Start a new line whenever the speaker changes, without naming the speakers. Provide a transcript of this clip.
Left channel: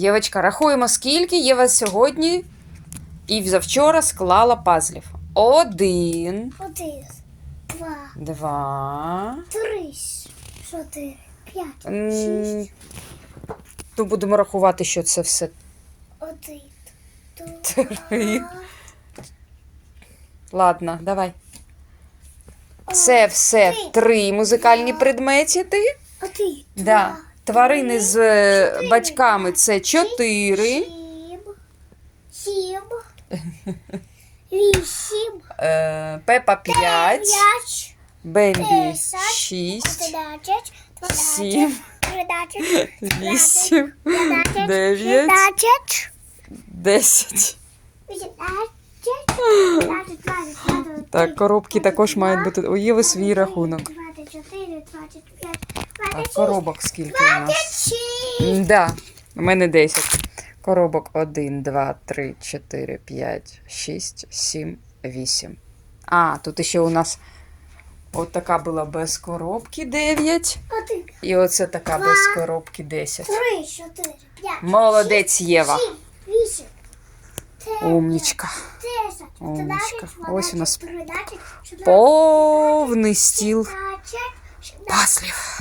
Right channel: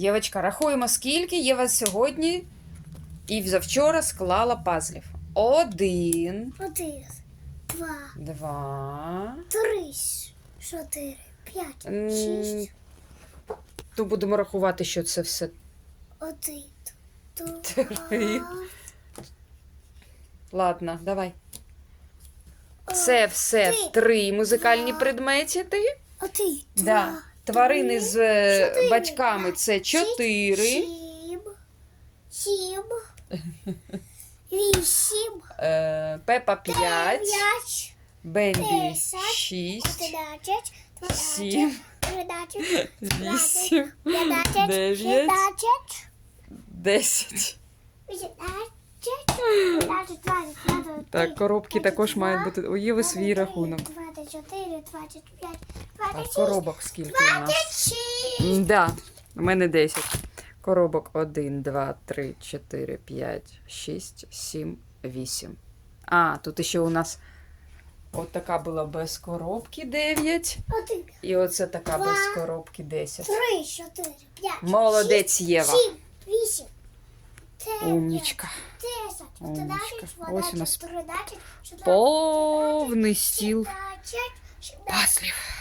Євочка, рахуємо, скільки Єва сьогодні і завчора склала пазлів. Один,
Один, два,
два.
три, чотири, п'ять, шість,
То будемо рахувати, що це все.
один,
Три. Ладно, давай. Це все три музикальні предмети.
один,
Да. Тварини з е, батьками це чотири.
Сім, сім, вісім,
Е, Пепа п'ять.
п'ять,
Бембі шість. Сім.
тринадцять,
Вісім. Дев'ять. Десять.
вісімнадцять,
Так, коробки також мають бути. У Єви свій рахунок.
24, 25,
Так,
26,
коробок скільки у нас?
26.
Да, у мене 10. Коробок 1, 2, 3, 4, 5, 6, 7, 8. А, тут ще у нас от така була без коробки 9.
Один,
І оце така без коробки 10.
три, чотири, п'ять,
Молодець, Єва.
сім, вісім, дев'ять,
Умнічка. Умнічка. Ось у нас Повний стіл пазлів.